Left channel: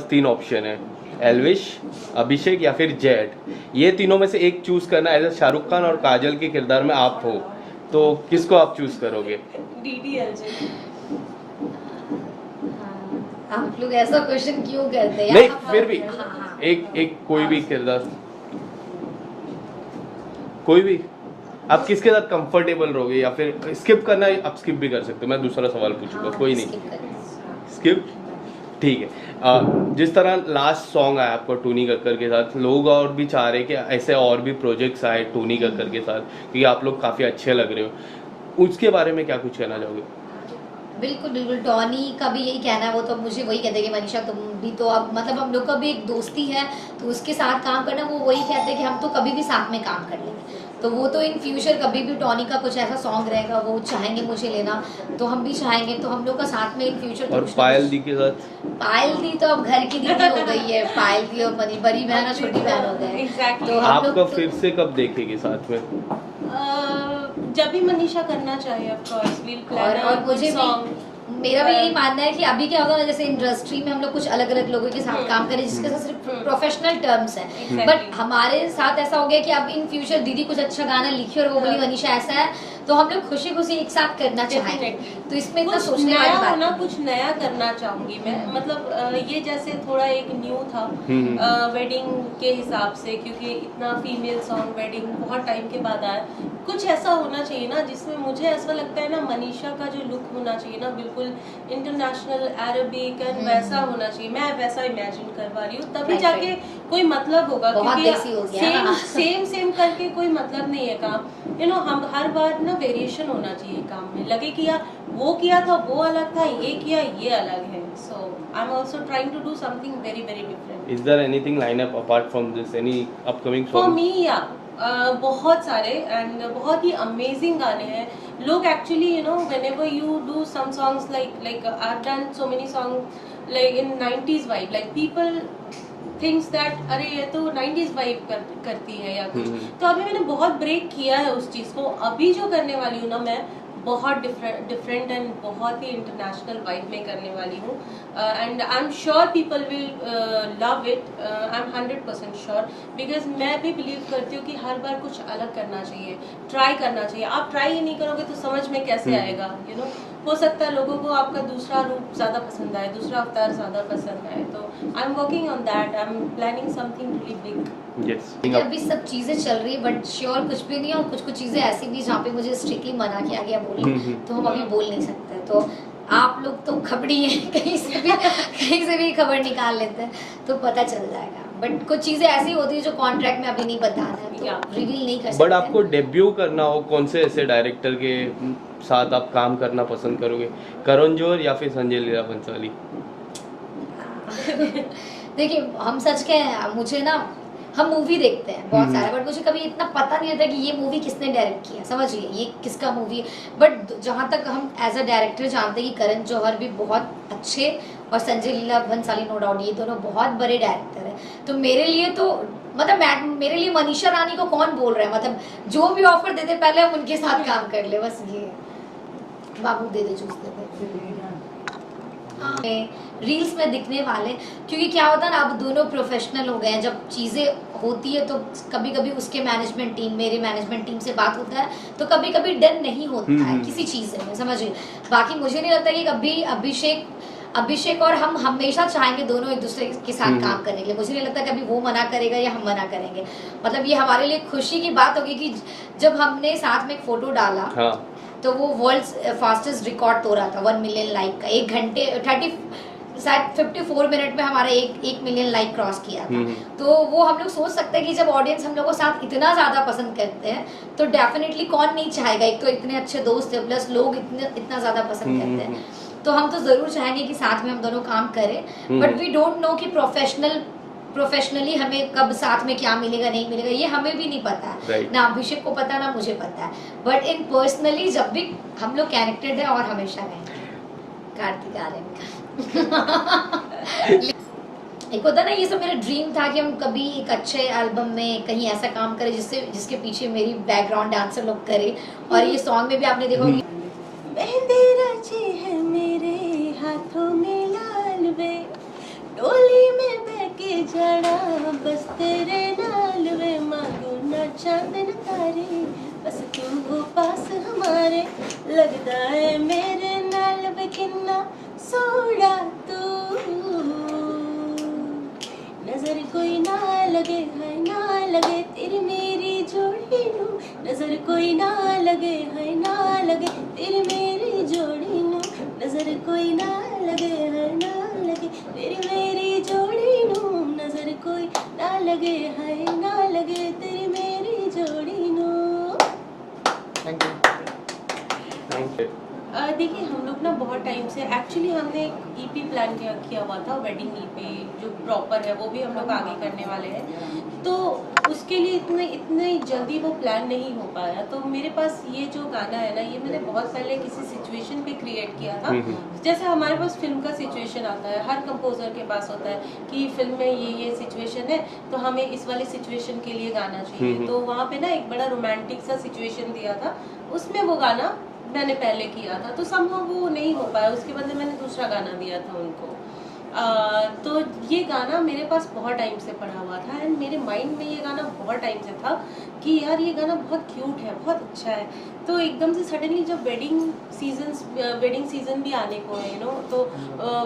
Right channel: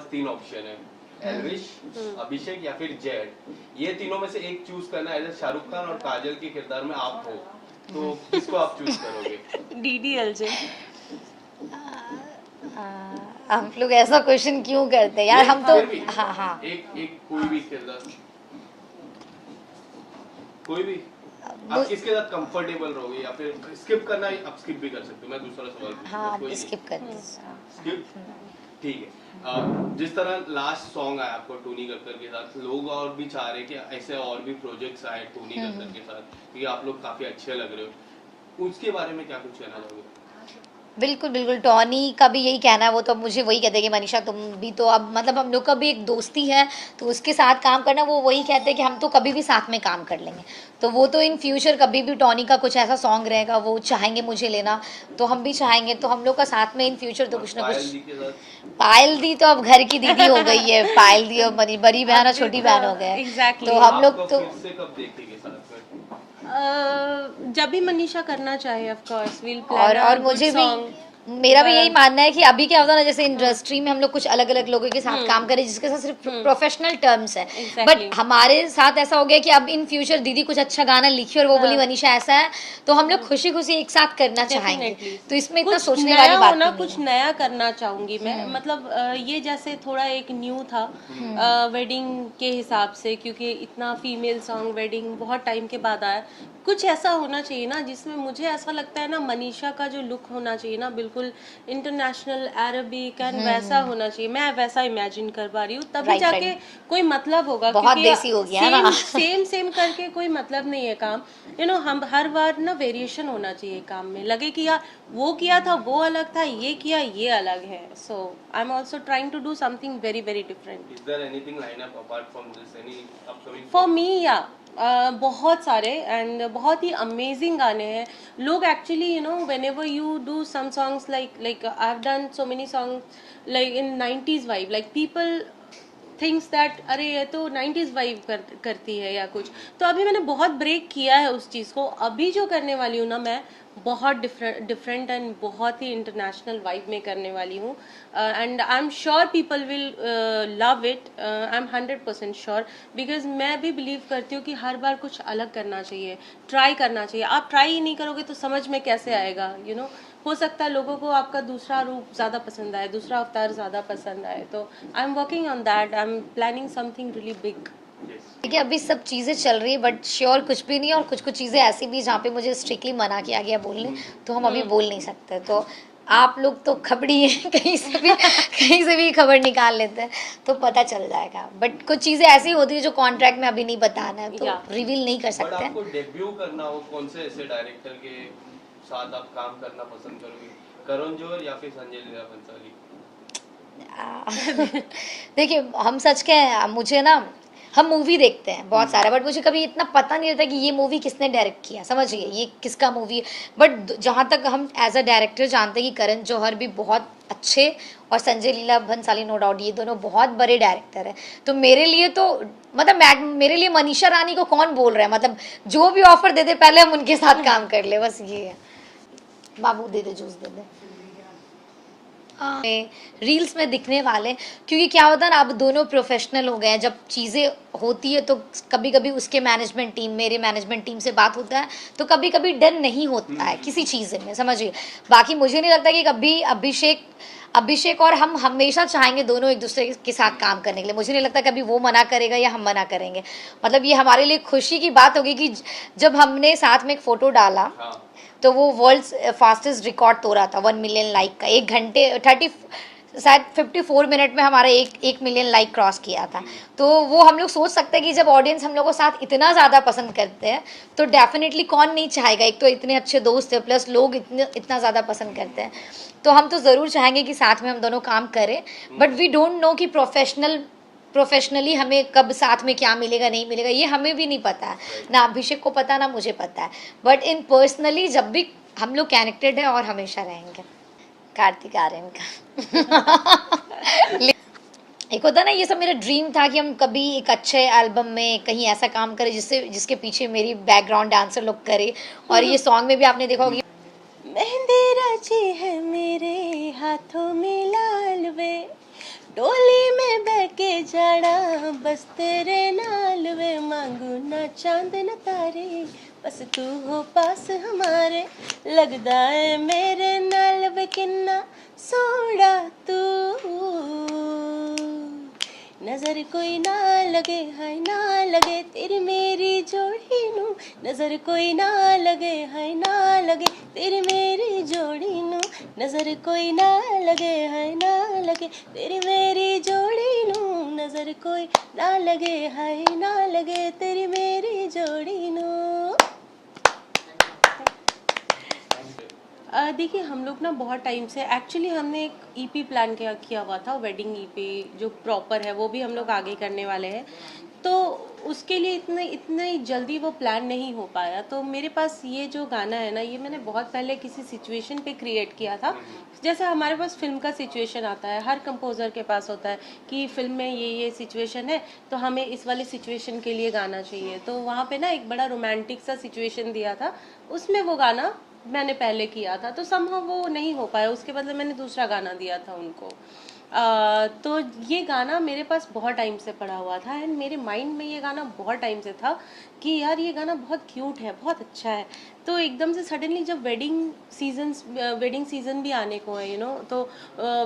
पास 3 option है, एल्विश, अभिषेक या फिर जेट। ये तीनों में से एक चूज करना एज शाहरुख खान और काजल के किरदार में आप हो, तो किसको आप चूज करोगे? डीडीएलजे। हम लोग ऐसा क्वेश्चन क्यों करते हैं यार? हम तो फिर भी हाँ एक कोई भी किरदार, कोई भी आप किसके साथ कंफर्टेबल रहोगे, या फिर स्किप करना आप स्किप भी कर सकते हो, मैं दूसरा सवाल पूछूंगा। कोई नहीं, स्किप, ठीक है। जिस तरह लास्ट सॉन्ग आया आपका टोनी कक्कर के साथ, लोग और भी चाह रहे कि ऐसे और भी प्रोजेक्ट्स आए टोनी कक्कर के साथ, क्योंकि आप लोग काफ़ी अच्छे लग रहे हो, उसके बारे में क्या कुछ कहना चाहोगे? बिल्कुल बिल्कुल, टॉनी का भी यही कहना है। वो तो मुझे वही कहते हैं कि मनीषा तुम भी तो अब मतलब हम लोग का भी एक दोस्ती है, तो उसके साथ काम करना, वो वही कहते हैं कि हम तो कभी भी साथ में काम कर लेंगे। तो वो तो इन फ्यूचर कभी भी टॉनी का कुछ ऐसा सॉन्ग रहेगा वो चाहेंगे मुझे लेना, तो हम भी चाहेंगे, तो हम लोग का साथ में इन फ्यूचर तो कुछ ना पायल कुछ। दी के साथ? पायल दी तो अब घर की दीदी हो गई है, पायल दी और बड़ी बहन और छोटी बहन हो गए। Exactly. तो हम लोग आपका तो फिर से कब देखेंगे साथ में? जब भी मनीषा करना चाहे ऑफ कोर्स विल और मुझे भी मेरा भी यही मानना है कि अभी क्या होता है ना, जैसे इंडस्ट्री में हम लोग कुछ अलग अलग लोगों के साथ काम करें जिसके साथ सिर्फ प्रोफेशनल टर्म्स है, बट हमारे साथ ऐसा हो गया कि अब इन फ्यूचर दीदी कुछ अच्छा गाना लिखी और वो बोली मनीषा ऐसा है, तो हम लोग खुशी खुशी एक साथ करना चाहेंगे। तो इसमें इतना सोचने वाली बात नहीं। कुछ नया करना चाहूंगी मैं, मतलब ये जैसे थोड़ा एक न्यू था वेडिंग के हिसाब से, क्योंकि इतना फीमेल सॉन्ग वेडिंग बहुत टाइम के बाद आया। कुछ ऐसा होना चाहिए ना जिसमें मुझे ऐसा लगता है ना, मनीषा का जो लुक होना चाहिए ना बिल्कुल इंटरनेशनल अरेबिक एंड वैसा होना चाहिए। मैं वैसा इमेजिन कर पा रही हूँ, तभी जाके कोई मतलब होगा, क्योंकि सेम करके कोई मतलब नहीं है काम। यू नो, हम हर बार ना वेरिएशन होना चाहिए काम में, लगे कि यार वो किया था वो अलग था, ये किया ये अलग है। So I am also trying to do something very very different. Is there anything line up apart from this, any upcoming for song? मी या बहुत सारे एंड बहुत ही अमेजिंग गाने हैं। लोग actually you know whenever you do some songs like I have done so many song like in 90s vibe, like people thinks that अरे ये तो 90s वाइब करती है या कुछ। तो अभी मैंने बहुत ब्रेक किया है उस चीज़ को। अभी जो करने वाली हूँ ना मैं, बहुत डिफरेंट एंड बहुत ही इंटरनेशनल वाइब में करने वाली हूँ, and I am sure people will love it. I am 100% sure, because मैं भी बिलीव करती हूँ कि हर बार कुछ अलग करना चाहिए, ट्राई करना चाहिए। आप ट्राई ही नहीं करोगे तो समझ में कैसे आएगा? यू नो, हो सकता है लोगों को आपका दूसरा रूप ज़्यादा पसंद आए, दूसरा अवतार ज़्यादा पसंद आए। तो I am working on that, I am planning something really big. देखिए अभी सब चीज़ें चल रही है बट श्योर कुछ भी नहीं, और कुछ चीज़ें ऐसी भी जहाँ पे मुझे स्ट्रिक्टली मना किया गया बोलने, तो हम अभी बोल नहीं सकते। तो आप लोग तो खबड़ी हैं, कहीं से भी खबर निकाल लेते हैं तो पता चल जाएगा। बट कुछ चीज़ें ऐसी होती है जो कॉन्ट्रैक्ट में अभी नहीं बताना है, तो रिवील नहीं कर सकते। बट आपको डेब्यू करना हो, कौन से ऐसे डायरेक्टर के साथ आप काम करना पसंद करोगे, करण जौहर या फिर संजय लीला भंसाली? देखिए हम सच कहें, मुझे ना, हम मूवी देखते हैं बहुत सारा, बट मुझे कभी इतना पता नहीं रहता कि ये मूवी किसने डायरेक्ट किया, समझिए ये किसका मूवी है। बट जहाँ तक हम एज अ डायरेक्टर जानते हैं कि करण जौहर भी बहुत अच्छे, और संजय लीला भंसाली नो डाउट, ये दोनों बहुत बड़े डायरेक्टर हैं। तो मेरे लिए तो मतलब मेरे लिए मनीषा रानी को कौन बोल रहा है, मतलब जो भी ऑफर देते पहले हम उनके साथ काम कर ले, बस ये है। बाबू दे दे जूस दे दे। रील्स में दिखने वाले, क्योंकि क्या होता है ना, अब दोनों प्रोफेशनल हो गए हैं। जब चीज़ें होती है तो कभी कभी उसके मैनेजमेंट टीम, मेरे मैनेजमेंट टीम से बात होता है, तो कभी कभी डर नहीं होता है किसी चीज़ में, समझिए। बाकी मुझे नहीं लगता कि कभी अभिषेक और हम हमेशा चाहेंगे दोनों एक दूसरे के साथ काम करने के लिए। मुझे नहीं लगता कभी वो मना करेगा या हम मना करेंगे। मतलब ये हमारे लिए खुशी की बात होगी कि जब हमने साथ में एक फ़ोटो डाला, हाँ। तो वो वर्ल्ड फास्टेस्ट रिकॉर्ड तोड़ा था 1 मिलियन लाइक का। 1 घंटे 54 मिनट में हमारा 1 मिलियन लाइक क्रॉस किया था। तो वो हम लोग सोच सकते हैं कि जब ऑडियंस हम लोग को साथ इतना ज़्यादा पसंद करते हैं तो डेफिनेटली कौन नहीं चाहेगा। एक तो इतने अच्छे दोस्त है, प्लस लोग इतना ज़्यादा पसंद करते हैं, तो हम तो ज़रूर चाहेंगे कि साथ में हम दोनों काम करें। बट वी डोंट नो कि प्रोफेशनली हमें कब साथ में क्या मिलेगा नहीं मिलेगा, ये हमें भी नहीं पता है, ना अभिषेक को पता ना मुझे पता है। बट इन पर्सनली जब भी हम लोग कनेक्टेड है और हमेशा रहेंगे। कार्तिक आर्यन का एक होता ना, ये सब मेरा ड्रीम था कि हम कभी एक अच्छे एल्बम में कहीं ऐसा काम करें जिसके पीछे मेरी बैकग्राउंड डांसर लोग करे। और ये सॉन्ग में भी आपने देखा होगी, मेहंदी रची है मेरे हाथों में लाल वे, डोली जाना बस तेरे नाल वे मांगू ना चांद न तारे बस तू हो पास हमारे लगदा है मेरे नाल वे किन्ना सोहना तू नजर कोई ना लगे हाय ना लगे तेरी मेरी जोड़ी नू नजर कोई ना लगे हाय ना लगे तेरी मेरी जोड़ी नू नजर कोई ना लगे हाय ना लगे तेरी मेरी जोड़ी नू नजर कोई ना लगे हाय ना लगे तेरी मेरी जोड़ी नू। Thank you. देखिए हम लोग ना बहुत टाइम से एक्चुअली हमने एक ईपी प्लान किया हुआ था, वेडिंग ईपी जो प्रॉपर है वो भी हम लोग आगे करने वाले हैं, तो उसके लिए इतने जल्दी वो प्लान नहीं हो पाया। तो मेरे पास ये जो गाना है ना, ये मैंने बहुत पहले किसी सिचुएशन पे क्रिएट किया था। जैसे हमारे पास फिल्म का सिचुएशन आता है, हर कंपोजर के पास होता है कि फिल्म में ये सिचुएशन है तो हमें इस वाली सिचुएशन के लिए गाना चाहिए। तो वहाँ पे ना एक बड़ा रोमांटिक सा सिचुएशन दिया था, उसमें वो गाना मैंने पहले किया था, तो संभव वो नहीं हो पाया, उसके बदले मैंने दूसरा गाना दिया था उनको। तो ये गाना मेरे पास बहुत टाइम से पड़ा हुआ था एंड मेरे माइंड में ये गाना बहुत टाइम से था कि यार ये गाना बहुत क्यूट है, बहुत अच्छा है। तो एकदम से सडनली जब वेडिंग सीजन भी आने को है तो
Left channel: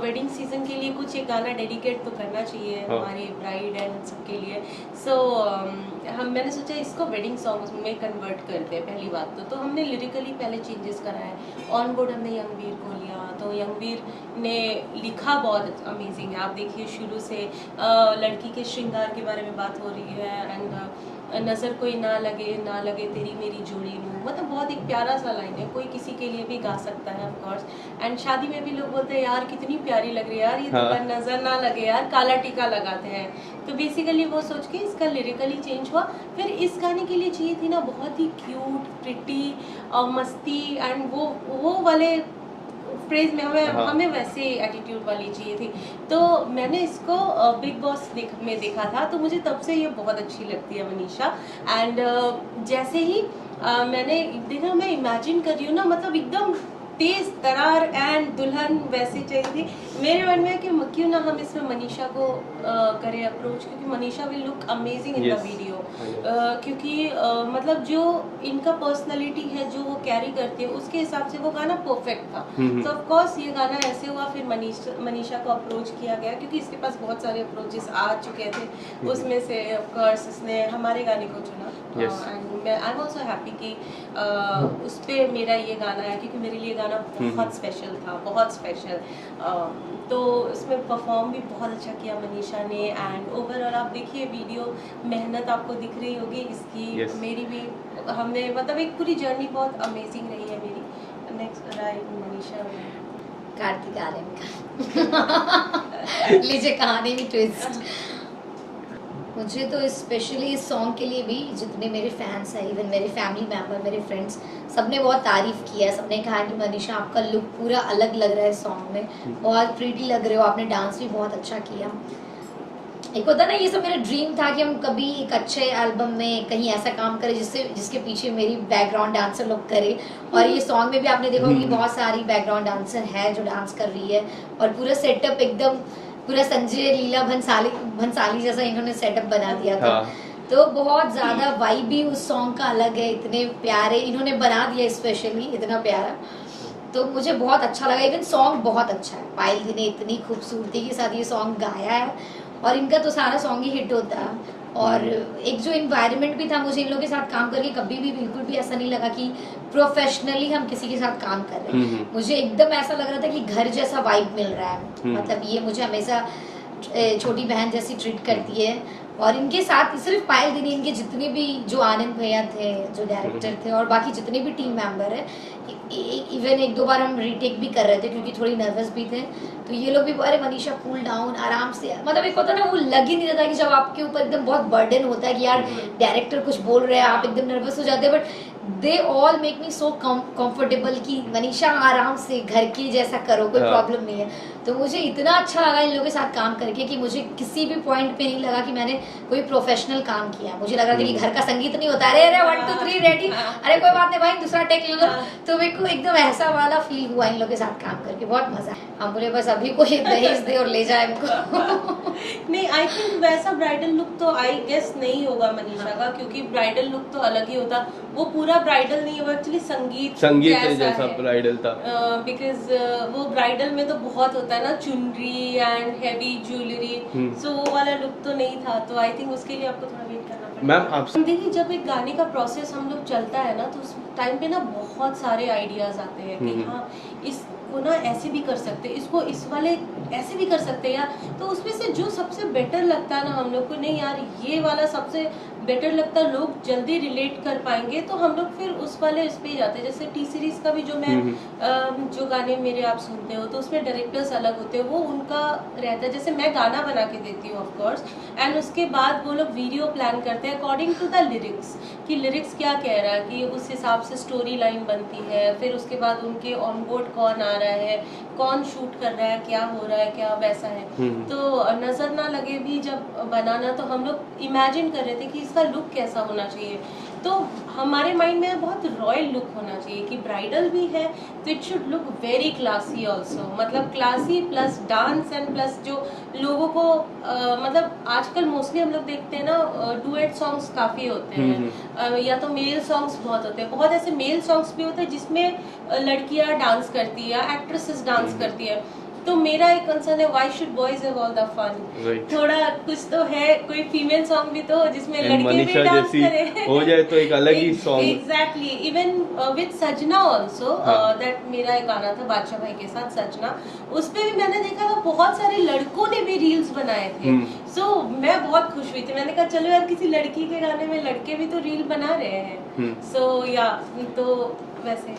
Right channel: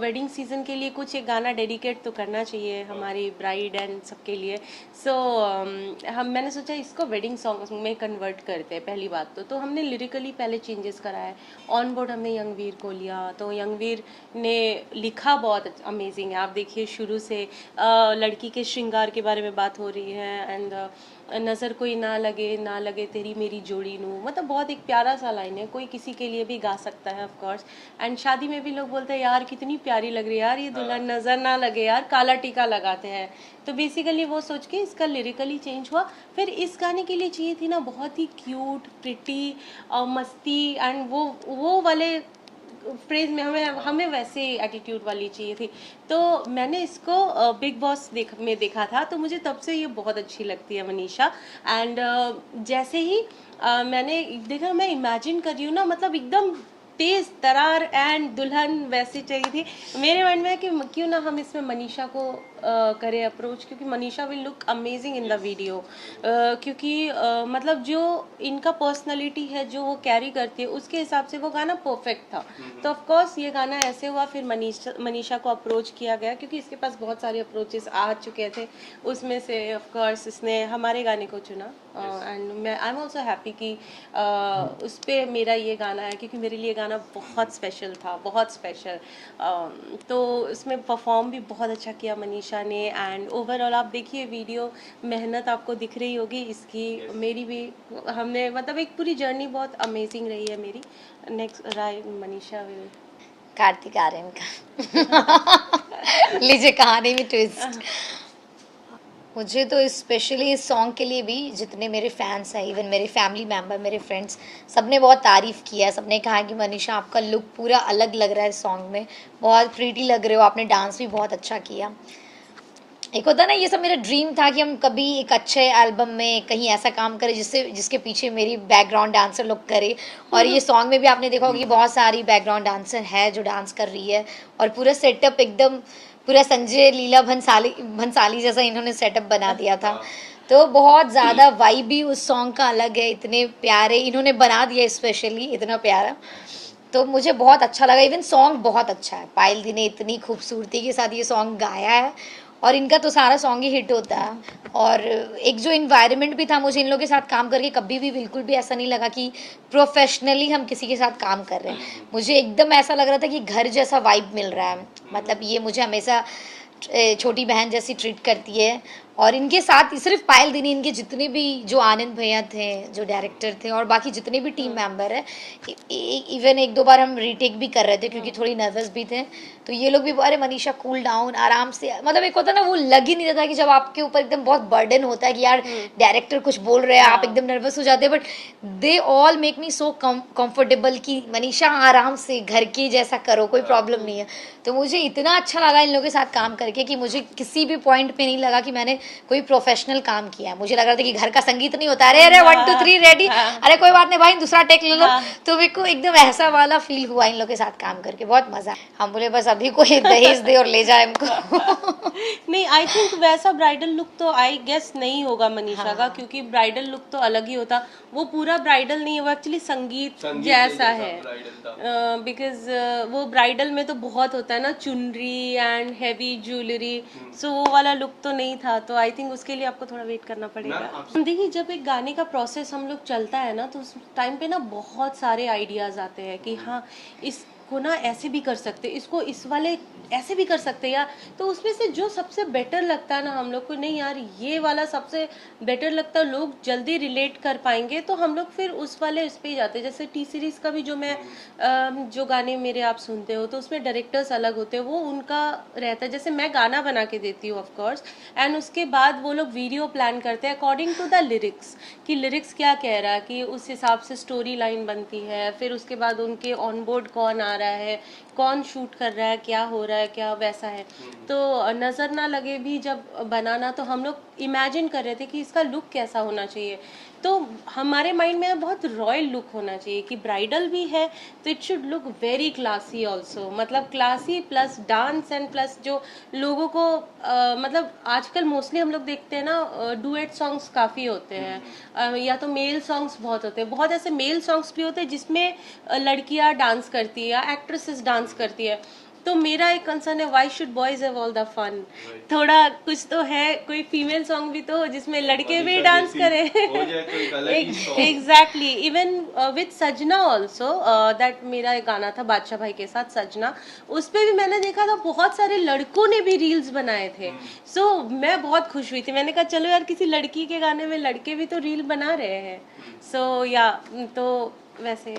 वेडिंग सीजन के लिए कुछ एक गाना डेडिकेट तो करना चाहिए हमारी ब्राइड एंड सबके लिए। सो मैंने सोचा इसको वेडिंग सॉन्ग में कन्वर्ट करते हैं पहली बात तो हमने लिरिकली पहले चेंजेस कराए। ऑन बोर्ड हमने यंगवीर को लिया, तो यंगवीर ने लिखा बहुत अमेजिंग है। आप देखिए शुरू से लड़की के श्रृंगार के बारे में बात हो रही है एंड नज़र कोई ना लगे तेरी मेरी जोड़ी नू, मतलब बहुत एक प्यारा सा लाइन है, कोई किसी के लिए भी गा सकता है ऑफ कोर्स। एंड शादी में भी लोग बोलते हैं यार कितनी प्यारी लग रही है यार ये दुल्हन, नज़र ना लगे यार, काला टीका लगाते हैं। तो बेसिकली वो सोच के इसका लिरिकली चेंज हुआ। फिर इस गाने के लिए चाहिए थी ना बहुत ही क्यूट प्रिटी मस्ती एंड वो वाले फ्रेज में हमें वैसे एटीट्यूड वाली चाहिए थी। तो मैंने इसको बिग बॉस में देखा था, तो मुझे तब से ये बहुत अच्छी लगती है मनीषा। एंड जैसे ही मैंने देखा, मैं इमेजिन कर रही हूँ ना, मतलब एकदम तेज तरार एंड दुल्हन वैसे चाहिए थी। मेरे मन में है कि क्यों ना हम इसमें मनीषा को करें अप्रोच, क्योंकि Manisha will look amazing in the video. क्योंकि मतलब जो इनका पर्सनालिटी है जो वो कैरी करती है उसके हिसाब से वो गाना परफेक्ट था। तो ऑफ कोर्स ये गाना ऐसे हुआ, फिर मनीषा को अप्रोच किया गया क्योंकि इसके पास बहुत सारे अप्रोचेस आ चुके थे, उसमें से ऑफ कोर्स इसने हमारे गाने को चुना। And I am also happy कि उस पर मेरा ये गाना है, क्योंकि मेरे लिए गाना बहुत स्पेशल था, बहुत स्पेशल। तो इसमें परफॉर्म भी बहुत अच्छा किया मनीषा ने। एंड ओवरऑल आप देखिए वीडियो, मेहनत आपको दिख रही होगी इसकी। मेरी भी हमने मतलब एक पूरी जर्नी बहुत अमेजिंग रही है मेरी। नेक्स्ट राय मनीषा में कार्तिक आर्यन का लीजिए कहानी में ट्विस्ट। मुझे तो स्पेशली इस सॉन्ग के लिए भी जितने मेरे फैंस हैं, इवन मेरे फैमिली मेम्बर, मेरे फ्रेंड्स, सबने बहुत तारीफ़ किया है। सबने कहा कि मनीषा आपका लुक पूरा अलग लग रहा है सॉन्ग में, बहुत प्रीटी लग रहे हो, आपने डांस भी बहुत अच्छा किया। एक होता ना, ये सब मेरा ड्रीम था कि हम कभी एक अच्छे एल्बम में कहीं ऐसा काम करें जिसके पीछे मेरी बैकग्राउंड डांसर लोग करे। और ये सॉन्ग में भी आपने देखा होगा कि बहुत सारी बैकग्राउंड डांसर है जो डांस कर रही है, और पूरा सेटअप एकदम पूरा संजय लीला भंसाली जैसा इन्होंने सेटअप बना दिया था। तो बहुत ज़्यादा वाइब भी उस सॉन्ग का अलग है, इतने प्यारे इन्होंने बना दिया, स्पेशली इतना प्यारा। तो मुझे बहुत अच्छा लगा। इवन सॉन्ग बहुत अच्छा है, पायल दी ने इतनी खूबसूरती के साथ ये सॉन्ग गाया है, और इनका तो सारा सॉन्ग ही हिट होता है। और एक जो इन्वायरमेंट भी था, मुझे इन लोगों के साथ काम करके कभी भी बिल्कुल भी ऐसा नहीं लगा कि प्रोफेशनली हम किसी के साथ काम कर रहे हैं। मुझे एकदम ऐसा लग रहा था कि घर जैसा वाइब मिल रहा है। मतलब ये मुझे हमेशा छोटी बहन जैसी ट्रीट करती है। और इनके साथ सिर्फ पायल दी नहीं, इनके जितने भी जो आनंद भैया थे जो डायरेक्टर थे, और बाकी जितने भी टीम मेंबर है, इवन एक दो बार हम रीटेक भी कर रहे थे क्योंकि थोड़ी नर्वस भी थे। तो ये लोग भी अरे मनीषा कूल डाउन, आराम से, मतलब एक होता ना वो लग ही नहीं रहता कि जब आपके ऊपर एकदम बहुत बर्डन होता है कि यार डायरेक्टर कुछ बोल रहे हैं, आप एकदम नर्वस हो जाते हैं। But they all make me so comfortable कि मनीषा आराम से घर के जैसा करो, कोई प्रॉब्लम नहीं है। तो मुझे इतना अच्छा लगा इन लोगों के साथ काम करके कि मुझे किसी भी पॉइंट पे नहीं लगा कि मैंने कोई प्रोफेशनल काम किया। मुझे लग रहा था कि घर का संगीत नहीं होता, अरे 1 2 3 रेडी, अरे कोई बात नहीं भाई दूसरा टेक ले लो। तो मेरे को एकदम ऐसा वाला फील हुआ इन लोग के साथ काम करके, बहुत मजा। हम बोले बस अभी कोई दहेज दे और ले जाए हमको। नहीं आई थिंक वैसा ब्राइडल लुक तो आई गेस नहीं होगा मनीषा का, क्योंकि ब्राइडल लुक तो अलग ही होता, वो पूरा ब्राइडल नहीं है, वो एक्चुअली संगीत जैसा है ब्राइडल था। बिकॉज वो ब्राइडल में तो बहुत होता है ना, चुनरी एंड हैवी ज्वेलरी, सो वो वाला लुक तो नहीं था, तो आई थिंक उसके लिए आपको थोड़ा वेट करना पड़ेगा। मैम आपसे देखिए, जब एक गाने का प्रोसेस हम लोग चलता है ना, तो उस टाइम पे ना बहुत सारे आइडियाज आते हैं कि हाँ इसको ना ऐसे भी कर सकते, इसको इस वाले ऐसे भी कर सकते हैं यार, तो उसमें से जो सबसे बेटर लगता है ना हम लोग को, नहीं यार ये वाला सबसे बेटर लगता है, लोग जल्दी रिलेट कर पाएंगे, तो हम लोग फिर उस वाले उस पे जाते हैं। जैसे टी सीरीज का भी जो मैं जो गाने मेरे आप सुनते हो, तो उसमें डायरेक्टर्स अलग होते हैं, वो उनका रहता है। जैसे मैं गाना बना के देती हूँ ऑफ कोर्स, एंड उसके बाद वो लोग वीडियो प्लान करते हैं अकॉर्डिंग टू द लिरिक्स, कि लिरिक्स क्या कह रहा है, कि उस हिसाब से स्टोरी लाइन बनती है। फिर उसके बाद उनके ऑन बोर्ड कौन आ रहा है, कौन शूट कर रहा है, क्या हो रहा है, क्या वैसा है, तो नजर ना लगे भी जब बनाना, तो हम लोग इमेजिन कर रहे थे कि इसका लुक कैसा होना चाहिए। तो हमारे माइंड में बहुत रॉयल लुक होना चाहिए, कि ब्राइडल भी है तो it should look very classy also, मतलब classy plus dance and plus जो लोगों को मतलब आजकल मोस्टली हम लोग देखते हैं ना, डुएट सॉन्ग्स काफी होते हैं, या तो मेल सॉन्ग्स बहुत होते हैं, बहुत ऐसे मेल सॉन्ग्स भी होते हैं जिसमें लड़कियां डांस करती है या एक्ट्रेसेस डांस करती है। तो मेरा एक कंसर्न है, why should boys have all the fun, थोड़ा कुछ तो है, कोई फीमेल सॉन्ग भी तो हो जिसमें लड़के भी डांस करें हो जाए तो एक अलग ही सॉन्ग। एग्जैक्टली, इवन विद सजना ऑल्सो, दैट मेरा एक गाना था बादशाह भाई के साथ सजना, उस पे भी मैंने देखा था बहुत सारे लड़कों ने भी रील्स बनाए थे, सो मैं बहुत खुश हुई थी, मैंने कहा चलो यार किसी लड़की के गाने में लड़के भी तो रील बना रहे हैं, सो या तो वैसे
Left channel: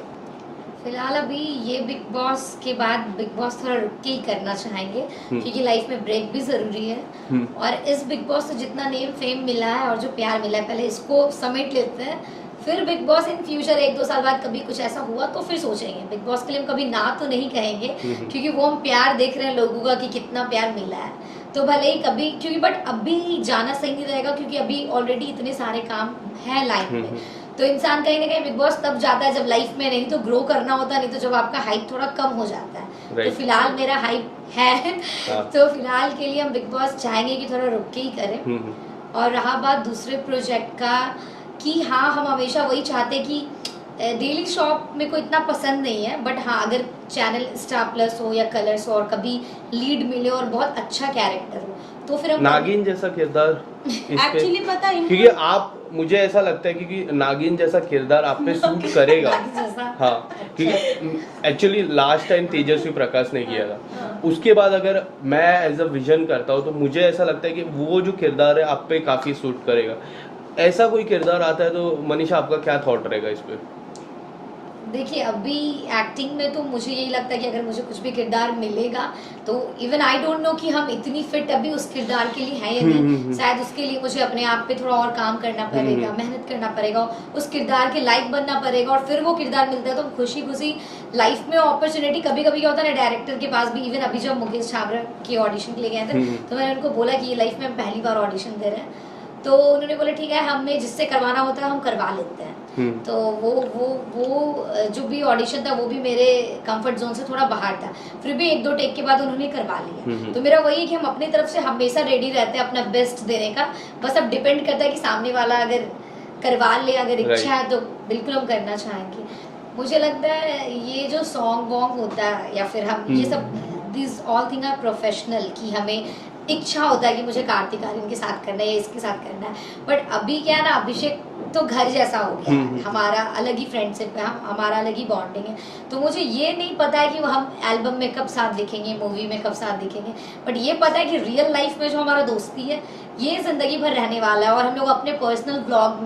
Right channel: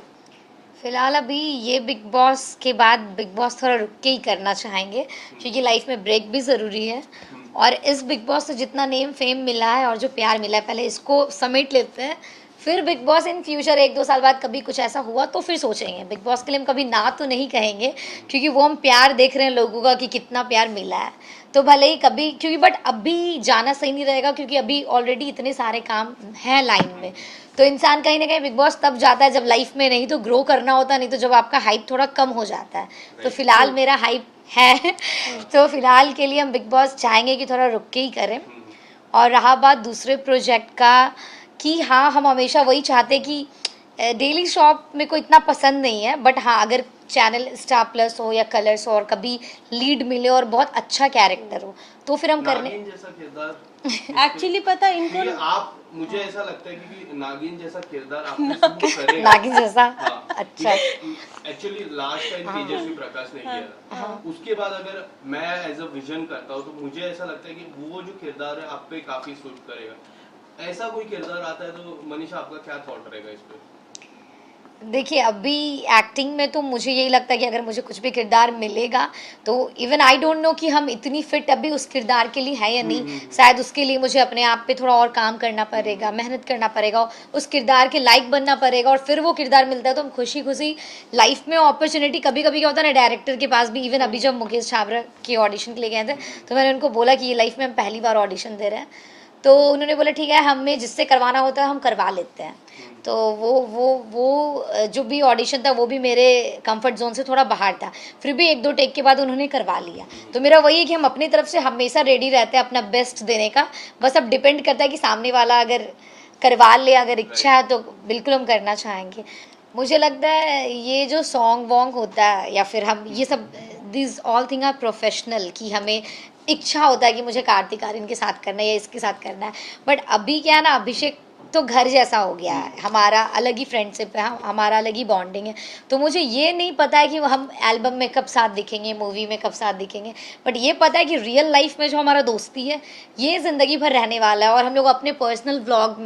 फिलहाल अभी ये बिग बॉस के बाद बिग बॉस थोड़ा रुक के ही करना चाहेंगे, क्योंकि लाइफ में ब्रेक भी ज़रूरी है, और इस बिग बॉस से जितना नेम फेम मिला है और जो प्यार मिला है, पहले इसको समेट लेते हैं, फिर बिग बॉस इन फ्यूचर 1-2 साल बाद कभी कुछ ऐसा हुआ तो फिर सोचेंगे। बिग बॉस के लिए हम कभी ना तो नहीं कहेंगे, क्योंकि वो हम प्यार देख रहे हैं लोगों का कि कितना प्यार मिला है, तो भले ही कभी, क्योंकि बट अभी जाना सही नहीं रहेगा, क्योंकि अभी ऑलरेडी इतने सारे काम हैं लाइफ में, तो इंसान कहीं ना कहीं बिग बॉस तब जाता है जब लाइफ में नहीं तो ग्रो करना होता, नहीं तो जब आपका हाइप थोड़ा कम हो जाता है। तो फिलहाल मेरा हाइप है तो फिलहाल के लिए हम बिग बॉस चाहेंगे कि थोड़ा रुक के ही करें। और रहा बात दूसरे प्रोजेक्ट का, कि हाँ हम हमेशा वही चाहते कि डेली शॉप मेरे को इतना पसंद नहीं है, बट हाँ अगर चैनल स्टार प्लस हो या कलर्स हो और कभी लीड मिले और बहुत अच्छा कैरेक्टर हो तो फिर हम नागिन जैसा किरदार एक्चुअली पता है, क्योंकि आप, मुझे ऐसा लगता है क्योंकि नागिन जैसा किरदार आप पे सूट करेगा। नागिन जैसा, हाँ, अच्छा। Actually last time Tejasswi Prakash ने किया था, उसके बाद अगर मैं एज अ विजन करता हूँ तो मुझे ऐसा लगता है कि वो जो किरदार है आप पे काफी सूट करेगा। ऐसा कोई किरदार आता है तो मनीषा आपका क्या थॉट रहेगा इस पे? देखिए अभी एक्टिंग में तो मुझे यही लगता है कि अगर मुझे कुछ भी किरदार मिलेगा तो इवन आई डोंट नो कि हम इतनी फिट अभी उस किरदार के लिए हैं या नहीं, शायद उसके लिए मुझे अपने आप पे थोड़ा और काम करना पड़ेगा, मेहनत करना पड़ेगा, उस किरदार के लायक बनना पड़ेगा, और फिर वो किरदार मिलता है तो हम खुशी खुशी लाइफ में अपॉर्चुनिटी कभी कभी क्या होता है ना, डायरेक्टर के पास भी, इवन अभी जब मुकेश छाबड़ा की ऑडिशन के लिए गए थे तो मैंने उनको बोला कि ये लाइफ में हम पहली बार ऑडिशन दे रहे हैं, तो उन्होंने बोला ठीक है हमें जिससे करवाना होता है हम करवा लेते हैं। तो वो जो भी ऑडिशन था वो भी मेरे कंफर्ट जोन से थोड़ा बाहर था, फिर भी 1-2 टेक के बाद उन्होंने करवा लिया। तो मेरा वही है कि हम अपनी तरफ से हमेशा रेडी रहते हैं अपना बेस्ट देने का, बस अब डिपेंड करता है कि सामने वाला अगर करवा ले, अगर इच्छा है तो बिल्कुल हम करना चाहेंगे। मुझे लगता है ये जो सॉन्ग वॉन्ग होता है या फिर हम ये सब, this all thing are professional, कि हमें इच्छा होता है कि मुझे कार्तिक आर्यन के साथ करना है या इसके साथ करना है, बट अभी क्या है ना, अभिषेक तो घर जैसा हो गया है, हमारा अलग ही फ्रेंडशिप है, हमारा अलग ही बॉन्डिंग है, तो मुझे ये नहीं पता है कि हम एल्बम में कब साथ दिखेंगे, मूवी में कब साथ दिखेंगे, बट ये पता है कि रियल लाइफ में जो हमारा दोस्ती है ये ज़िंदगी भर रहने वाला है, और हम लोग अपने पर्सनल ब्लॉग में